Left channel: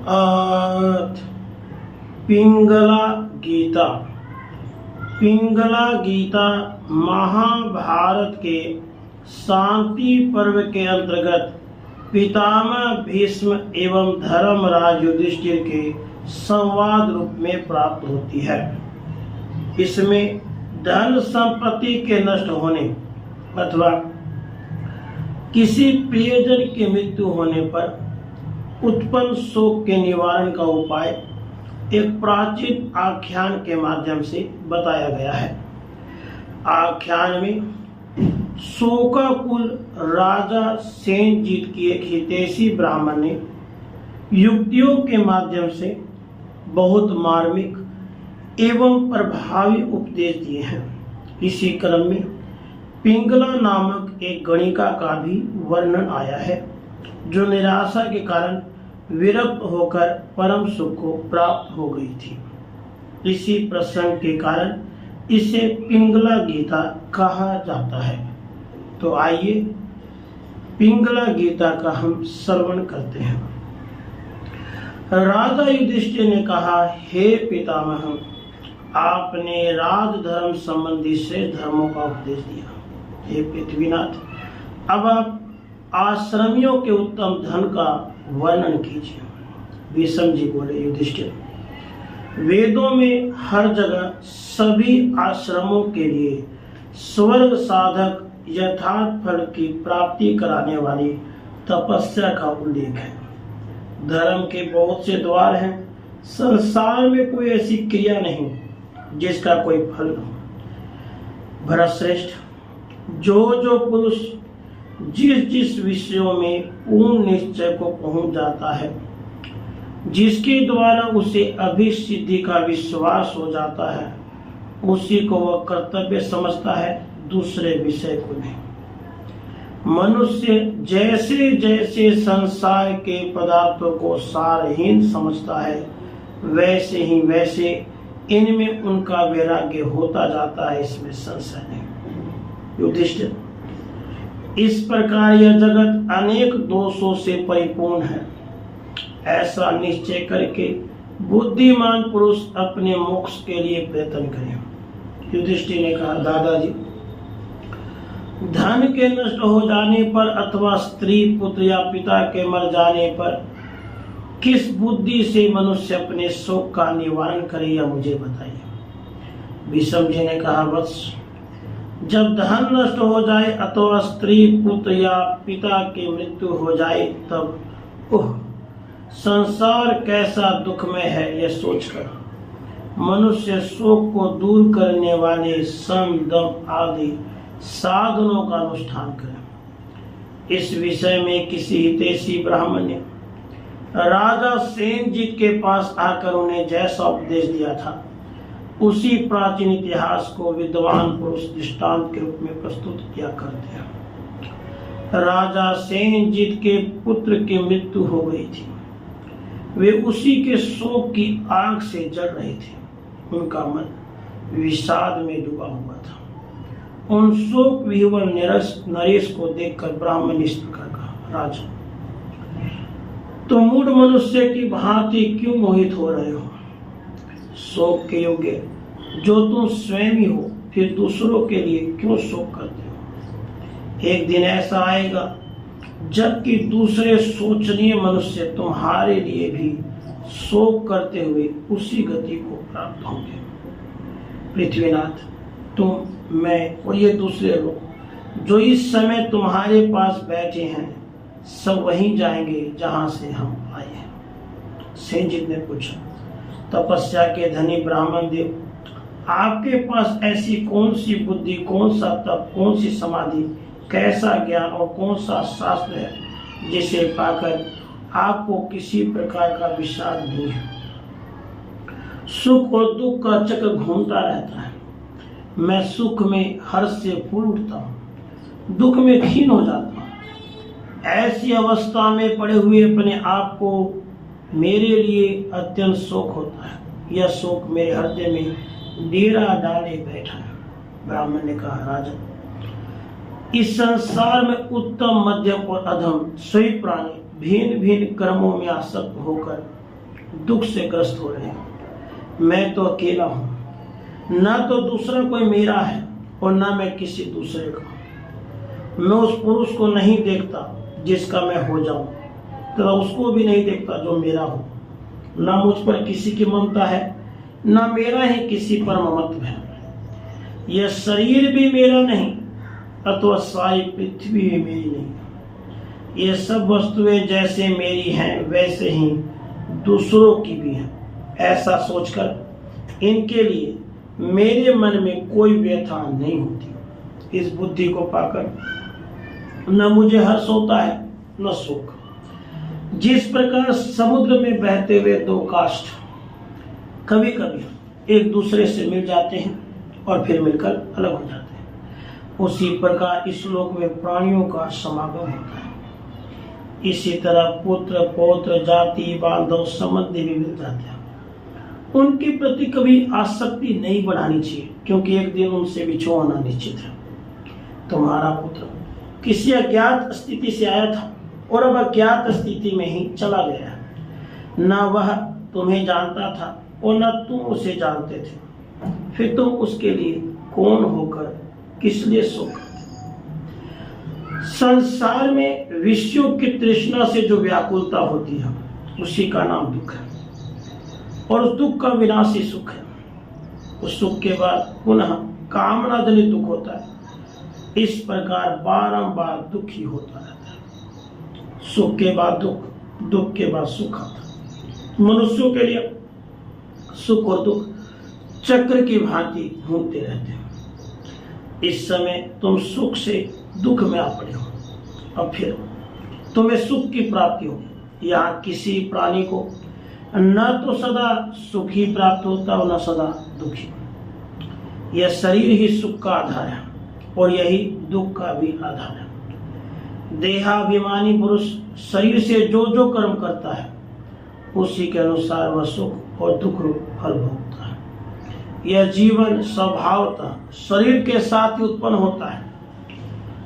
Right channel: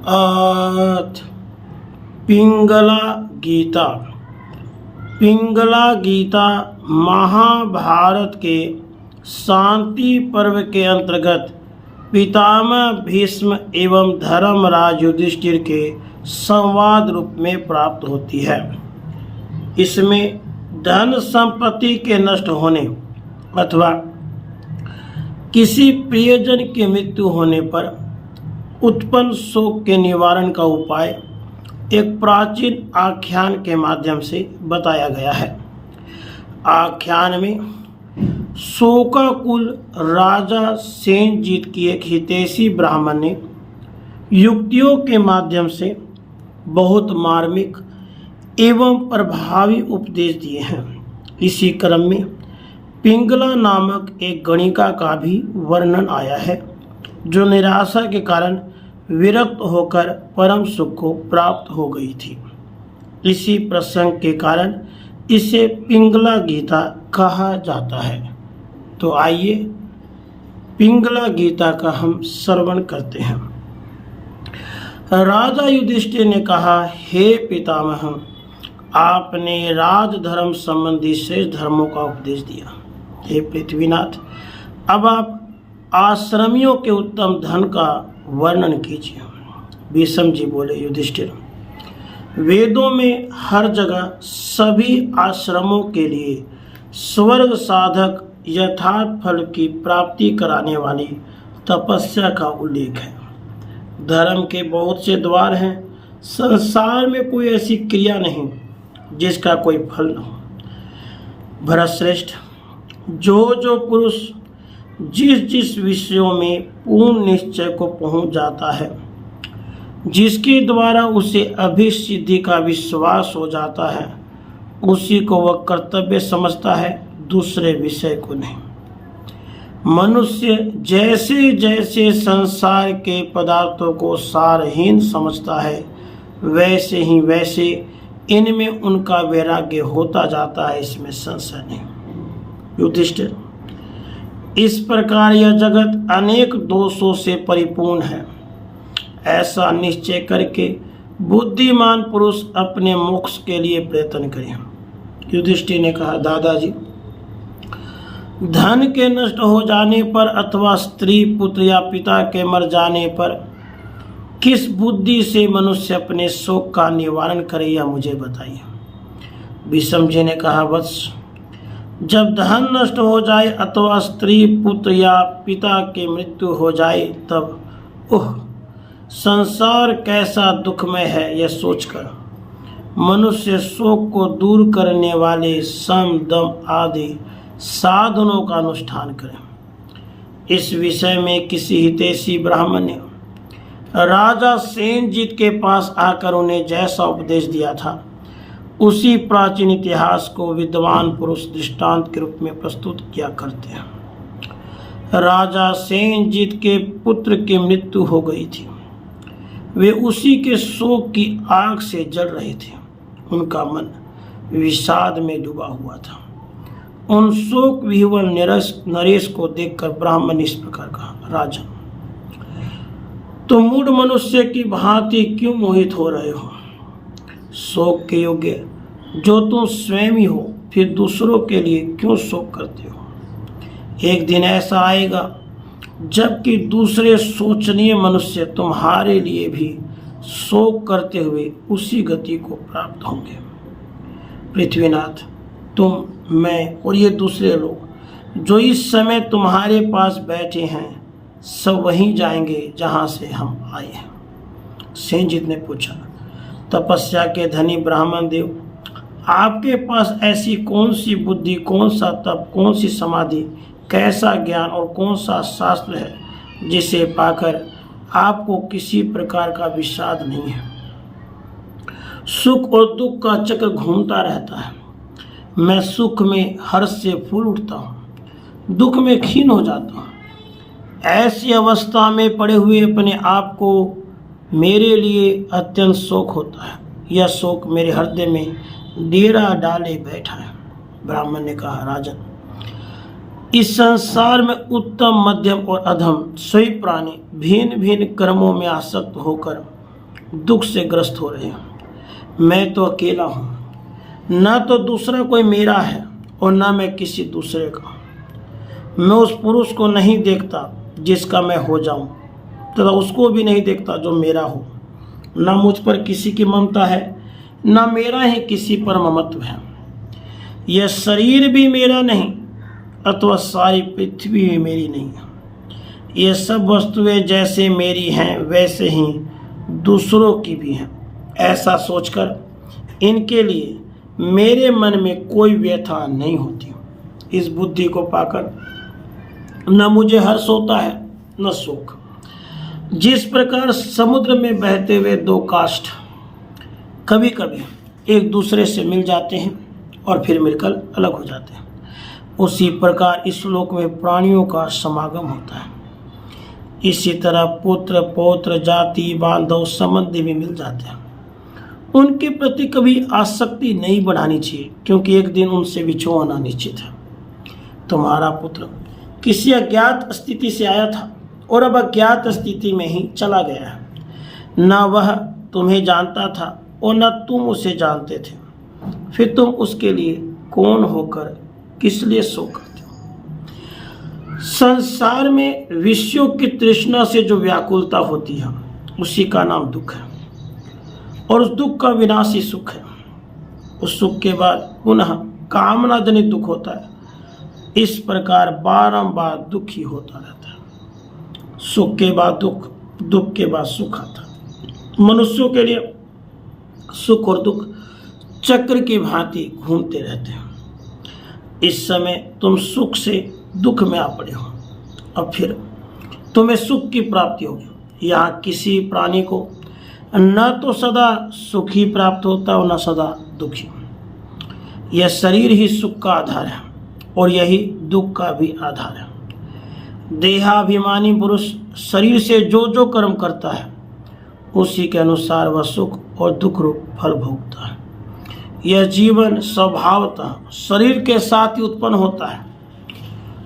अथ पिंगला गीता। पिंगला गीता महाभारत के शांति पर्व के अंतर्गत पितामह भीष्म एवं धर्मराज युधिष्ठिर के संवाद रूप में प्राप्त होती है। इसमें धन संपत्ति के नष्ट होने अथवा किसी प्रियजन की मृत्यु होने पर उत्पन्न शोक के निवारण का उपाय एक प्राचीन आख्यान के माध्यम से बताया गया है। आख्यान में शोकाकुल राजा सेनजीत की एक हितैषी ब्राह्मण ने युक्तियों के माध्यम से बहुत मार्मिक एवं प्रभावी उपदेश दिए हैं। इसी क्रम में पिंगला नामक एक गणिका का भी वर्णन आया है, जो निराशा के कारण विरक्त होकर परम सुख को प्राप्त हो गई थी। इसी प्रसंग के कारण इसे पिंगला गीता कहा जाता है। तो आइए पिंगला गीता का हम श्रवण करते हैं। राजा युधिष्ठिर ने कहा, हे पितामह, आपने राजधर्म संबंधी श्रेष्ठ धर्मों का उपदेश दिया। हे पृथ्वीनाथ, अब आप आश्रमियों के उत्तम धन का वर्णन कीजिए। भीष्म जी बोले, युधिष्ठिर, वेदों में हर जगह सभी आश्रमों के लिए स्वर्ग साधक यथार्थ फल की प्राप्ति कराने वाली तपस्या का उल्लेख है। धर्म के बहुत से द्वार हैं, संसार में कोई ऐसी क्रिया नहीं जिसका कोई फल न हो। भरतश्रेष्ठ, जो पुरुष जिस विषयों में पूर्ण निश्चय को पहुंच जाता है, जिसके द्वारा उसे अभिसिद्धि का विश्वास हो जाता है, उसी को वह कर्तव्य समझता है, दूसरे विषय को नहीं। मनुष्य जैसे जैसे संसार के पदार्थों को सारहीन समझता है, वैसे ही वैसे इनमें उनका वैराग्य होता जाता है, इसमें संशय नहीं। युधिष्ठिर, इस प्रकार यह जगत अनेक दोषों से परिपूर्ण है, ऐसा निश्चय करके बुद्धिमान पुरुष अपने मोक्ष के लिए प्रयत्न करे। युधिष्ठिर ने कहा, दादाजी, धन के नष्ट हो जाने पर अथवा स्त्री पुत्र या पिता के मर जाने पर किस बुद्धि से मनुष्य अपने शोक का निवारण करे, यह मुझे बताइए। भीष्म जी ने कहा, वत्स, जब धन नष्ट हो जाए अथवा स्त्री पुत्र या पिता की मृत्यु हो जाए, तब संसार कैसा दुखमय है, यह सोचकर मनुष्य शोक को दूर करने वाले सम दम आदि साधनों का अनुष्ठान करे। इस विषय में किसी हितैषी ब्राह्मण ने राजा सेनजीत के पास आकर उन्हें जैसा उपदेश दिया था, उसी प्राचीन इतिहास को विद्वान पुरुष दृष्टांत के रूप में प्रस्तुत किया करते हैं। राजा सेनजीत के पुत्र की मृत्यु हो गई थी। वे उसी के शोक की आग से जल रहे थे। उनका मन विषाद में डूबा हुआ था। उन शोक विह्वल नरेश को देखकर ब्राह्मण इस प्रकार कहा, राजा, तुम मूढ़ मनुष्य की भांति क्यों मोहित हो रहे हो? शोक के योग्य जो तुम स्वयं ही हो, फिर दूसरों के लिए क्यों शोक करते हो? एक दिन ऐसा आएगा जबकि दूसरे शोचनीय मनुष्य तुम्हारे लिए भी शोक करते हुए उसी गति को प्राप्त होंगे। पृथ्वीनाथ, तुम, मैं और ये दूसरे लोग जो इस समय तुम्हारे पास बैठे हैं, सब वहीं जाएंगे जहां से हम आए हैं। सेनजीत ने पूछा, तपस्या के धनी ब्राह्मण देव, आपके पास ऐसी कौन सी बुद्धि, कौन सा तप, कौन सी समाधि, कैसा ज्ञान और कौन सा शास्त्र है जिसे पाकर आपको किसी प्रकार का विषाद नहीं है? सुख और दुख का चक्र घूमता रहता है। मैं सुख में हर्ष से फूल उठता हूँ, दुख में क्षीण हो जाता हूँ। ऐसी अवस्था में पड़े हुए अपने आप को मेरे लिए अत्यंत शोक होता है। यह शोक मेरे हृदय में डेरा डाले बैठा है। ब्राह्मण ने कहा, राजन, इस संसार में उत्तम, मध्यम और अधम सभी प्राणी भिन्न भिन्न कर्मों में आसक्त होकर दुख से ग्रस्त हो रहे हैं। मैं तो अकेला हूँ, ना तो दूसरा कोई मेरा है और ना मैं किसी दूसरे का। मैं उस पुरुष को नहीं देखता जिसका मैं हो जाऊं, तथा उसको भी नहीं देखता जो मेरा हो। ना मुझ पर किसी की ममता है, ना मेरा ही किसी पर ममत्व है। यह शरीर भी मेरा नहीं, अथवा सारी पृथ्वी भी मेरी नहीं है। ये सब वस्तुएं जैसे मेरी हैं वैसे ही दूसरों की भी हैं। ऐसा सोचकर इनके लिए मेरे मन में कोई व्यथा नहीं होती। इस बुद्धि को पाकर न मुझे हर्ष होता है न सुख। जिस प्रकार समुद्र में बहते हुए दो काष्ठ कभी कभी एक दूसरे से मिल जाते हैं और फिर मिलकर अलग हो जाते हैं, उसी प्रकार इस लोक में प्राणियों का समागम होता है। इसी तरह पुत्र पौत्र जाति बांधव संबंध भी मिल जाते हैं। उनके प्रति कभी आसक्ति नहीं बढ़ानी चाहिए, क्योंकि एक दिन उनसे विछोह होना निश्चित है। तुम्हारा पुत्र किसी अज्ञात स्थिति से आया था और अब अज्ञात स्थिति में ही चला गया है। न वह तुम्हें जानता था और न तुम उसे जानते थे। फिर तुम उसके लिए कौन होकर किस लिए शोक करते? संसार में विषयों की तृष्णा से जो व्याकुलता होती है उसी का नाम दुख है, और उस दुख का विनाशी सुख है। उस सुख के बाद पुनः कामना जनित दुख होता है। इस प्रकार बारंबार दुख ही होता रहता है। सुख के बाद दुख, दुख के बाद सुख आता है। मनुष्यों के लिए सुख और दुख चक्र की भांति घूमते रहते हैं। इस समय तुम सुख से दुख में आ पड़े हो, अब फिर तुम्हें सुख की प्राप्ति होगी। यहाँ किसी प्राणी को न तो सदा सुख ही प्राप्त होता और न सदा दुखी। यह शरीर ही सुख का आधार है और यही दुख का भी आधार है। देहाभिमानी पुरुष शरीर से जो जो कर्म करता है उसी के अनुसार वह सुख और दुख रूप फल भोगता है। यह जीवन स्वभावतः शरीर के साथ ही उत्पन्न होता है।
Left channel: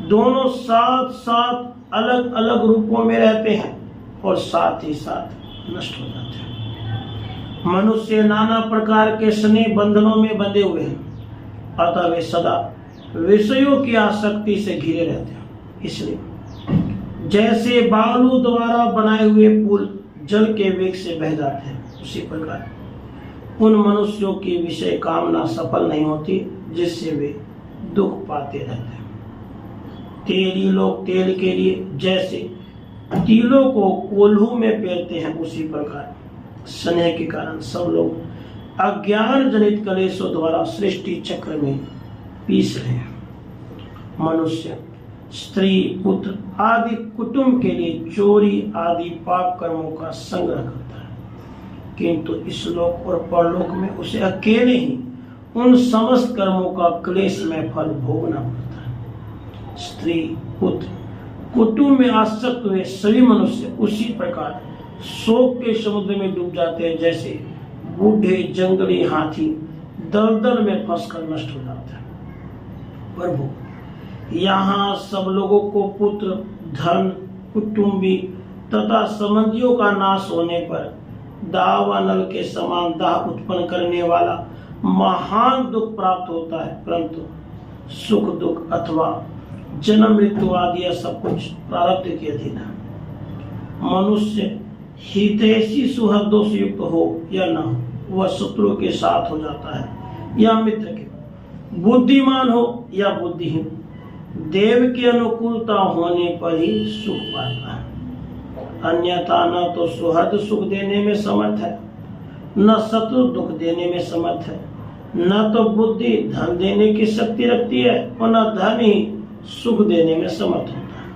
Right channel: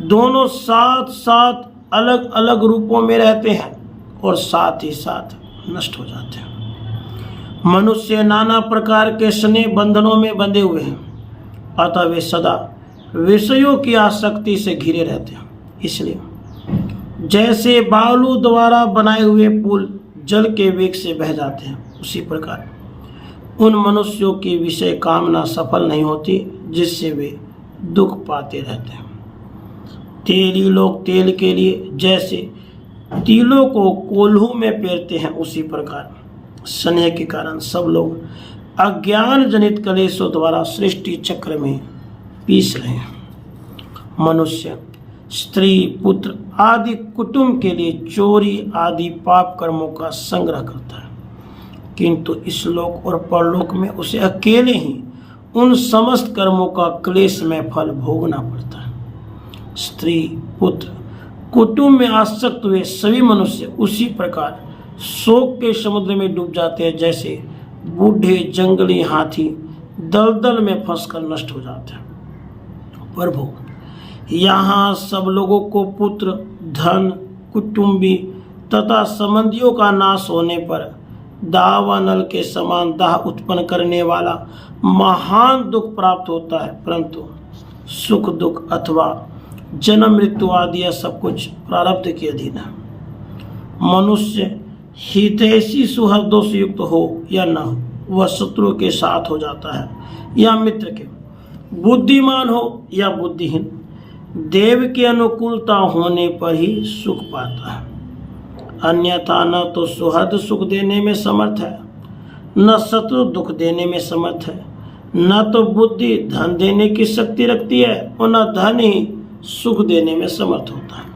दोनों साथ साथ अलग अलग रूपों में रहते हैं और साथ ही साथ नष्ट हो जाते हैं। मनुष्य नाना प्रकार के स्नेह बंधनों में बंधे हुए हैं, अतः वे सदा विषयों की आसक्ति से घिरे रहते हैं। इसलिए जैसे बालू द्वारा बनाए हुए पुल जल के वेग से बह जाते हैं, उसी प्रकार उन मनुष्यों की विषय कामना सफल नहीं होती, जिससे वे दुख पाते रहते हैं। तेली लोग तेल के लिए जैसे तिलों को कोल्हू में पेरते हैं, उसी प्रकार स्नेह के कारण सब लोग अज्ञान जनित कलेशों द्वारा सृष्टि चक्र में पीस रहे हैं। मनुष्य स्त्री पुत्र आदि कुटुंब के लिए चोरी आदि पाप कर्मों का संग्रह करता है, किंतु इस लोक और परलोक में उसे अकेले ही उन समस्त कर्मों का क्लेश में फल भोगना पड़ता है। स्त्री पुत्र कुटुंब में आसक्त हुए सभी मनुष्य उसी प्रकार शोक के समुद्र में डूब जाते हैं, जैसे बूढ़े जंगली हाथी दलदल में फंसकर नष्ट हो जाते हैं। प्रभु, यहाँ सब लोगों को पुत्र धन कुटुंबी तथा संबंधियों का नाश होने पर दावानल के समान दाह उत्पन्न करने वाला महान दुख प्राप्त होता है, परंतु सुख दुख अथवा जन्म मृत्यु आदि यह सब कुछ प्रारब्ध के अधीन है। मनुष्य हितैषी सुहृदों से युक्त हो या न हो, वह शत्रु के साथ हो जाता है या मित्र के, बुद्धिमान हो या बुद्धिहीन, देव की अनुकूलता होने पर ही सुख पाता है। अन्यथा न तो सुहृद सुख देने में समर्थ है, न शत्रु दुख देने में समर्थ है, न तो बुद्धि धन देने की शक्ति रखती है और न धन ही सुख देने में समर्थ होता है।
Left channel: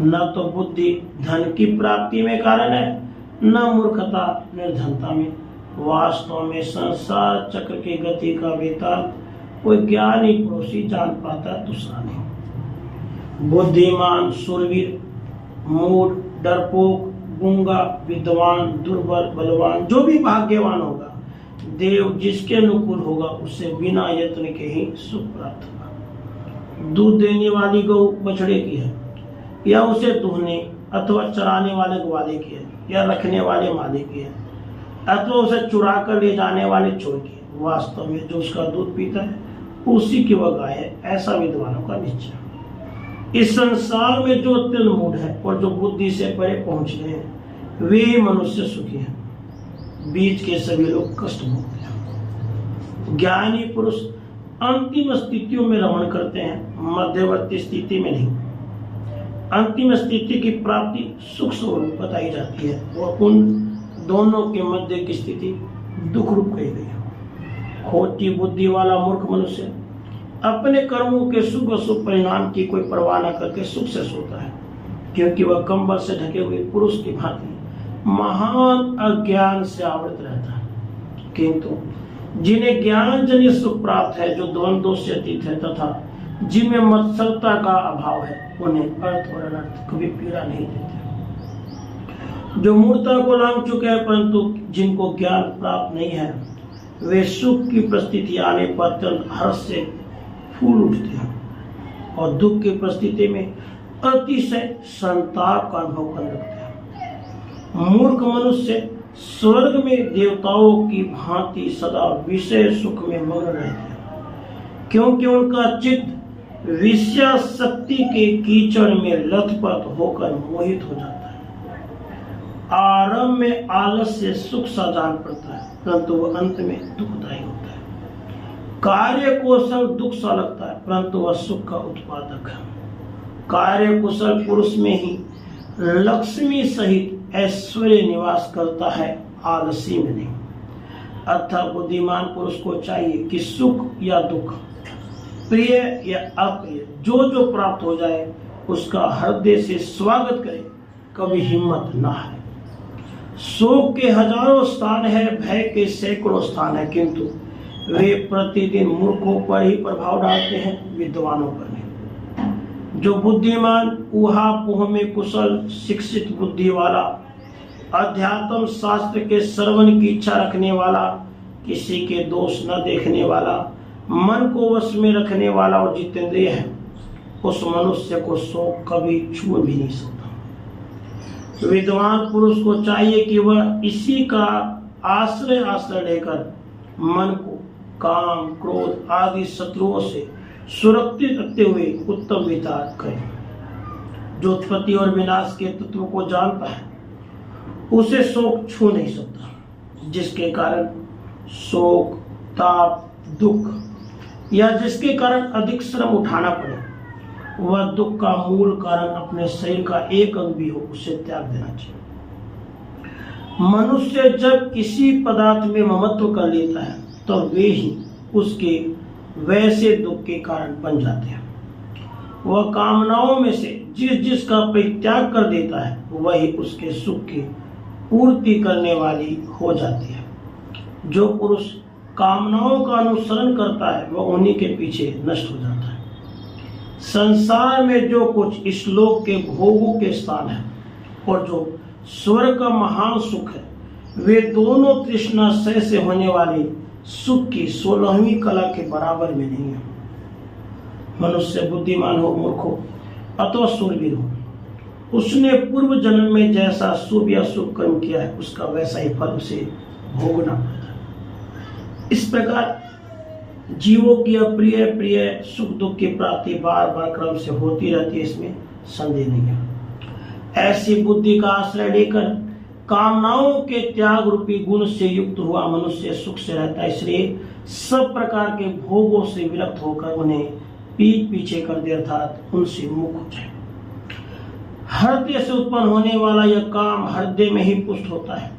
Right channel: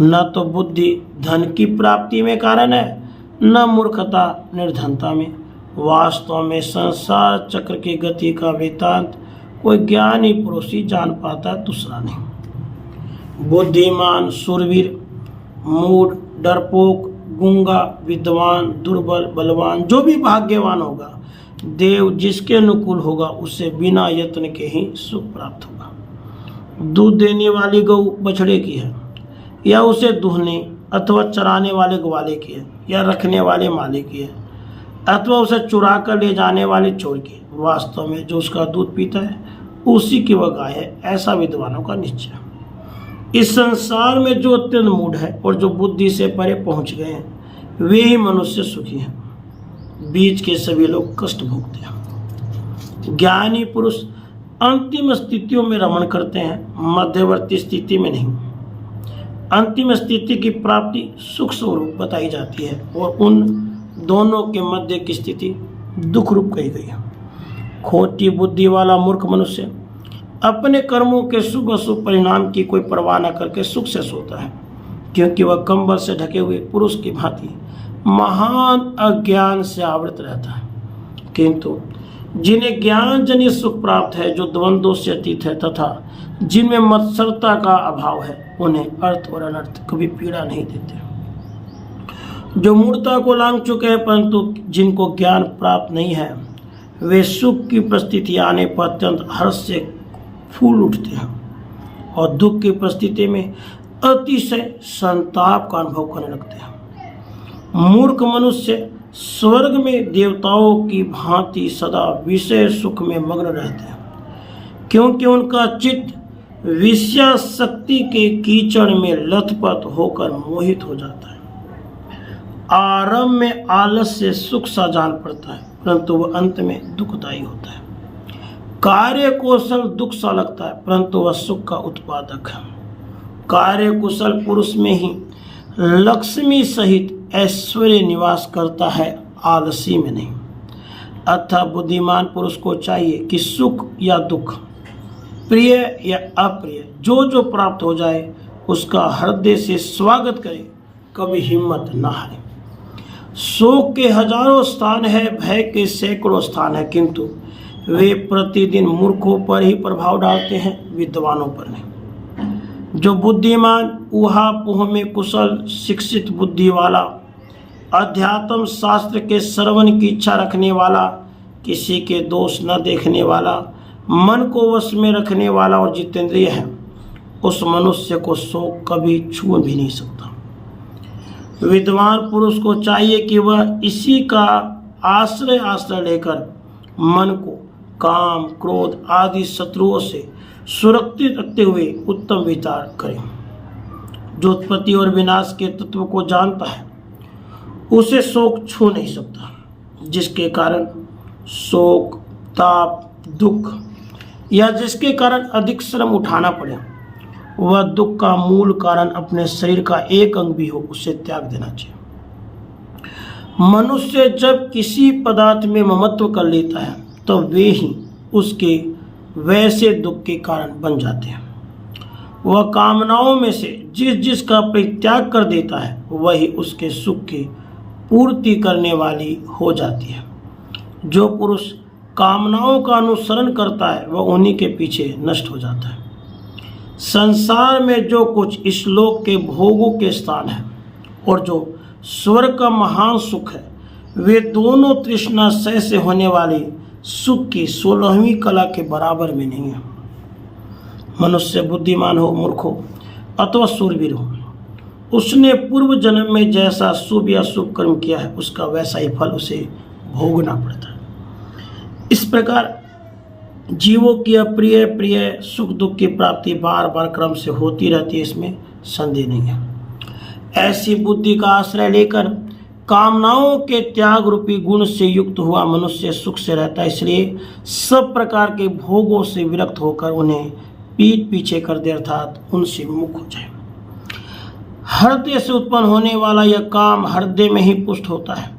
न तो बुद्धि धन की प्राप्ति में कारण है, न मूर्खता निर्धनता में। वास्तव में संसार चक्र की गति का वृत्तांत कोई ज्ञानी पुरुष ही जान पाता, दूसरा नहीं। बुद्धिमान शूरवीर मूढ़ डरपोक गूंगा विद्वान दुर्बल बलवान जो भी भाग्यवान होगा, देव जिसके अनुकूल होगा उसे बिना यत्न के ही सुख प्राप्त होगा। दूध देने वाली गौ बछड़े की है या उसे दूहने अथवा चराने वाले ग्वाले की है या रखने वाले मालिक की है, अथवा उसे चुरा कर ले जाने वाले चोर की। वास्तव में जो उसका दूध पीता है उसी की वह गाय है, ऐसा विद्वानों का निश्चय। इस संसार में जो अत्यंत मूढ़ है और जो बुद्धि से परे पहुंच गए हैं वे ही मनुष्य सुखी हैं। बीच के सभी लोग कष्ट भोगते हैं। ज्ञानी पुरुष अंतिम स्थितियों में रमण करते हैं, मध्यवर्ती स्थिति में नहीं। अंतिम स्थिति की प्राप्ति सुख स्वरूप बताई जाती है और उन दोनों के मध्य की स्थिति दुख रूप कही गई है। खोटी बुद्धि वाला मूर्ख मनुष्य अपने कर्मों के शुभ अशुभ परिणाम की कोई परवाह न करके सुख से सोता है, क्योंकि वह कंबल से ढके हुए पुरुष की भांति महान अज्ञान से आवृत रहता है। किंतु जिन्हें ज्ञान जनित सुख प्राप्त है, जो द्वंद्वों से अतीत है तथा जिनमें मत्सरता का अभाव है, उन्हें अर्थ और अनर्थ कभी पीड़ा नहीं देते। जो मूर्खता को लांघ चुके हैं परंतु जिनको ज्ञान प्राप्त नहीं है, वे सुख की परिस्थिति आने पर अत्यंत हर्ष से फूल उठते हैं और दुख की परिस्थिति में अतिशय संताप का अनुभव करने लगते हैं। मूर्ख मनुष्य स्वर्ग में देवताओं की भांति सदा विषय सुख में मग्न रहते हैं, क्योंकि उनका चित्त विषयासक्ति के कीचड़ में लथपथ होकर मोहित हो जाता है। आरंभ में आलस से सुख सा जान पड़ता है, परंतु वह अंत में दुखदायी होता है। कार्य कौशल दुख सा लगता है, परंतु वह सुख का उत्पादक है। कार्य कुशल पुरुष में ही लक्ष्मी सहित ऐश्वर्य निवास करता है, आलसी में नहीं। अतः बुद्धिमान पुरुष को चाहिए कि सुख या दुख, प्रिय या अप्रिय, जो जो प्राप्त हो जाए उसका हृदय से स्वागत करे, कभी हिम्मत न हारे। शोक के हजारों स्थान है, भय के सैकड़ों स्थान है, किंतु वे प्रतिदिन मूर्खों पर ही प्रभाव डालते हैं, विद्वानों पर नहीं। जो बुद्धिमान, ऊहापोह में कुशल, शिक्षित बुद्धि वाला, अध्यात्म शास्त्र के श्रवण की इच्छा रखने वाला, किसी के दोष न देखने वाला, मन को वश में रखने वाला और जितेंद्रिय है, उस मनुष्य को शोक कभी छू भी नहीं सकता। विद्वान पुरुष को चाहिए कि वह इसी का आश्रय लेकर मन को काम, क्रोध आदि शत्रुओं से सुरक्षित रखते हुए उत्तम विचार करें। जो उत्पत्ति और विनाश के तत्व को जानता है उसे शोक छू नहीं सकता, जिसके कारण शोक, ताप, दुख या जिसके कारण अधिक श्रम उठाना पड़े, वह दुख का मूल कारण अपने शरीर का एक अंग भी हो, उसे त्याग देना चाहिए। मनुष्य जब किसी पदार्थ में ममत्व कर लेता है तो वे ही उसके वैसे दुख के कारण बन जाते हैं। वह कामनाओं में से जिसका परित्याग कर देता है वही उसके सुख की पूर्ति करने वाली हो जाती है। जो पुरुष कामनाओं का अनुसरण करता है वह उन्हीं के पीछे नष्ट हो जाता है। संसार में जो कुछ इस लोक के भोगों के स्थान है और जो स्वर्ग का महान सुख है, वे दोनों तृष्णा सह से होने वाले सुख की 16वीं कला के बराबर में नहीं है। मनुष्य बुद्धिमान हो, मूर्ख हो अथवा शूरवीर हो, उसने पूर्व जन्म में जैसा शुभ या शुभ कर्म किया है उसका वैसा ही फल उसे भोगना पड़ता है। इस प्रकार जीवों की अप्रिय प्रिय सुख दुख की प्राप्ति बार बार क्रम से होती रहती है, इसमें संदेह नहीं है। ऐसी बुद्धि का आश्रय लेकर कामनाओं के त्याग रूपी गुण से युक्त हुआ मनुष्य सुख से रहता है। इसलिए सब प्रकार के भोगों से विरक्त होकर उन्हें पीठ पीछे कर दे, अर्थात उनसे विमुख हो जाए। हृदय से उत्पन्न होने वाला यह काम हृदय में ही पुष्ट होता है,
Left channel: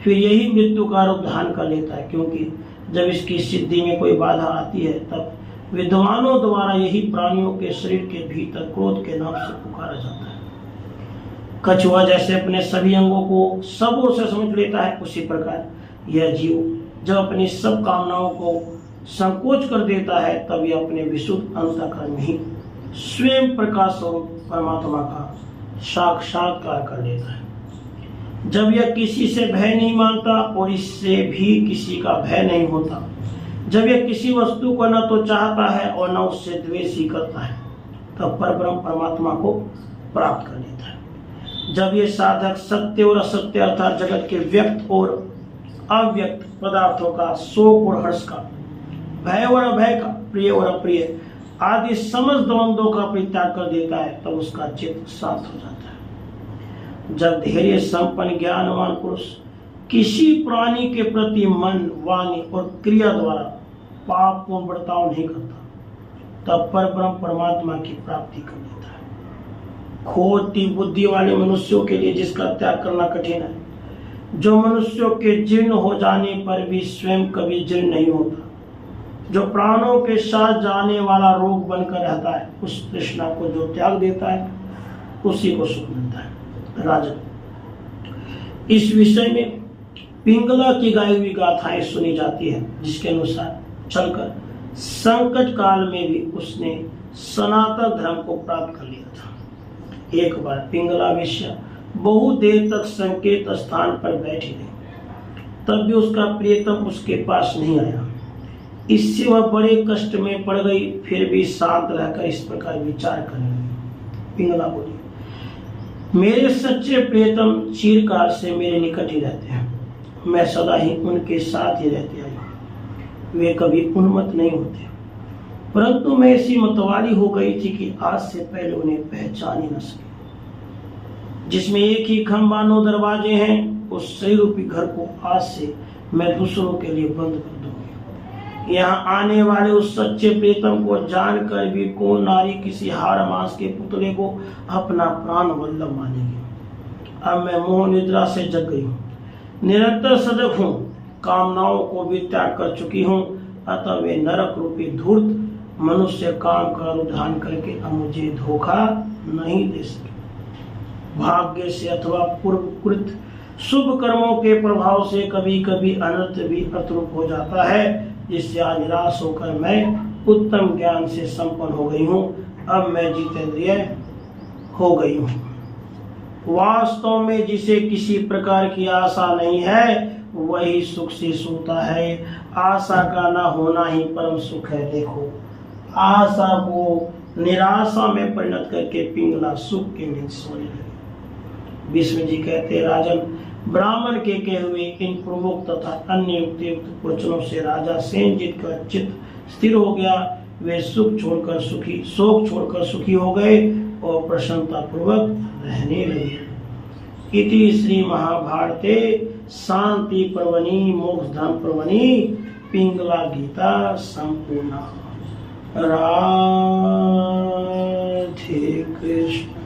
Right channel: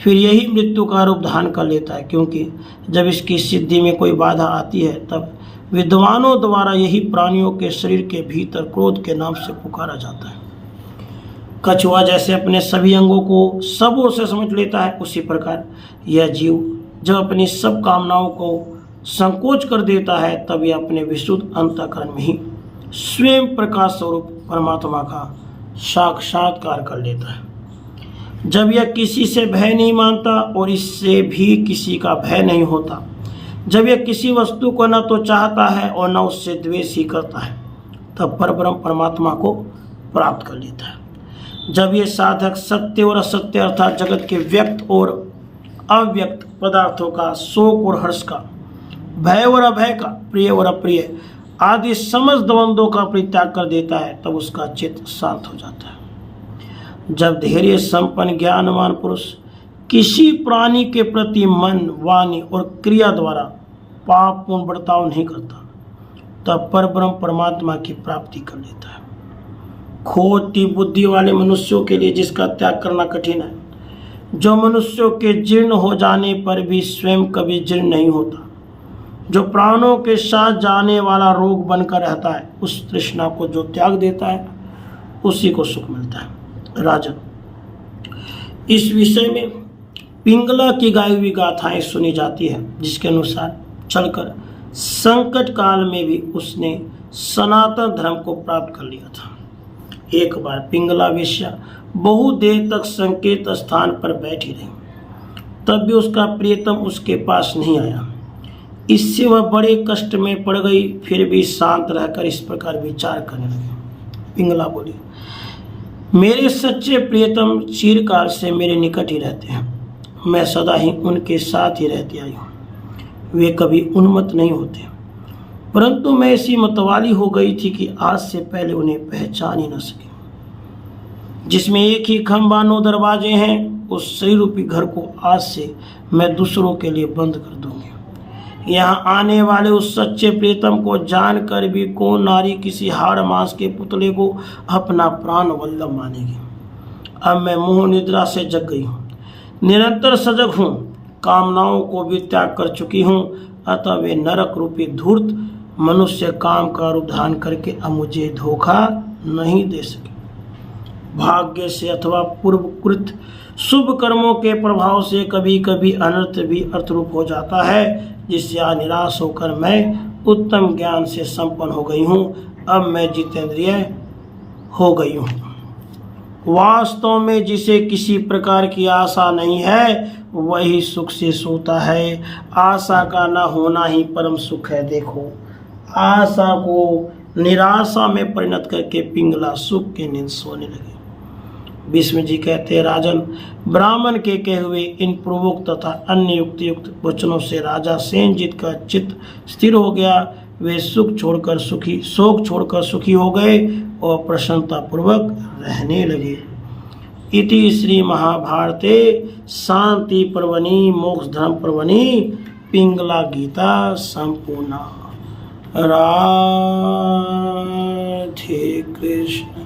फिर यही मृत्यु का रूप धारण कर लेता है, क्योंकि जब इसकी सिद्धि में कोई बाधा आती है तब विद्वानों द्वारा यही प्राणियों के शरीर के भीतर क्रोध के नाम से पुकारा जाता है। कछुआ जैसे अपने सभी अंगों को सबों से समझ लेता है, उसी प्रकार यह जीव जब अपनी सब कामनाओं को संकोच कर देता है तब यह अपने विशुद्ध अंतःकरण में ही स्वयं प्रकाश स्वरूप परमात्मा का साक्षात्कार कर लेता है। जब यह किसी से भय नहीं मानता और इससे भी किसी का भय नहीं होता, जब यह किसी वस्तु को न तो चाहता है और न उससे द्वेष ही करता है, तब परब्रह्म परमात्मा को प्राप्त कर लेता है। जब ये साधक सत्य और असत्य अर्थात जगत के व्यक्त और अव्यक्त पदार्थों का, शोक और हर्ष का, भय और अभय का, प्रिय और अप्रिय आदि समस्त द्वंद्वों का परित्याग कर देता है, तब उसका चित्त शांत हो जाता है। जब धैर्य संपन्न ज्ञानवान पुरुष किसी प्राणी के प्रति मन, वाणी और क्रिया द्वारा पापपूर्ण बर्ताव नहीं करता, तब परब्रह्म परमात्मा की प्राप्ति कर लेता है। खोटी बुद्धि वाले मनुष्यों के लिए जिसका त्याग करना कठिन है, जो मनुष्यों के जीर्ण हो जाने पर भी स्वयं कभी जीर्ण नहीं होता, जो प्राणों के साथ जाने वाला रोग बनकर रहता है, उस तृष्णा को जो त्याग देता है उसी को सुख मिलता है। राजन, इस विषय में पिंगला की गाई हुई गाथाएं सुनी जाती है, जिसके अनुसार चलकर संकट काल में भी उसने सनातन धर्म को प्राप्त कर लिया था। एक बार पिंगला वेश्या बहुत देर तक संकेत स्थान पर बैठी रही, तब भी उसका प्रियतम उसके पास नहीं आया। इससे वह बड़े कष्ट में पड़ गई, फिर भी शांत रहकर इस प्रकार विचार करने लगी। पिंगला बोली, मेरे सच्चे प्रियतम चिरकाल से मेरे निकट ही रहते हैं, मैं सदा ही उनके साथ ही रहती आई हूँ, वे कभी उन्मत्त नहीं होते, परंतु मैं ऐसी मतवाली हो गई थी कि आज से पहले उन्हें पहचान ही न सके। जिसमें एक ही खंभा 9 दरवाजे हैं, उस सही रूपी घर को आज से मैं दूसरों के लिए बंद कर दूंगी। यहाँ आने वाले उस सच्चे प्रीतम को जानकर भी कौन नारी किसी हाड़ मांस के पुतले को अपना प्राण वल्लभ मानेगी। अब मैं मोह निद्रा से जग गई हूँ, निरंतर सजग हूँ, कामनाओं को भी त्याग कर चुकी हूँ, अतः वे नरक रूपी धूर्त मनुष्य काम का रूप धारण करके अब मुझे धोखा नहीं दे सके। भाग्य से अथवा पूर्वकृत शुभ कर्मों के प्रभाव से कभी कभी अनर्थ भी अर्थरूप हो जाता है, जिससे आज निराश होकर मैं उत्तम ज्ञान से संपन्न हो गई हूँ। अब मैं जितेंद्रिय हो गई हूँ। वास्तव में जिसे किसी प्रकार की आशा नहीं है, वही सुख से सोता है। आशा का न होना ही परम सुख है। देखो, आशा को निराशा में परिणत करके पिंगला सुख की नींद सोने लगी। भीष्म जी कहते हैं, राजन, ब्राह्मण के कहे हुए इन पूर्वोक्त तथा अन्य युक्त वचनों से राजा सेनजीत का चित्त स्थिर हो गया। वे शोक छोड़कर सुखी हो गए और प्रसन्नता पूर्वक रहने लगे। इति श्री महाभारते शांति पर्वणि मोक्ष धर्म पर्वणि पिंगला गीता संपूर्णा। राधे कृष्ण।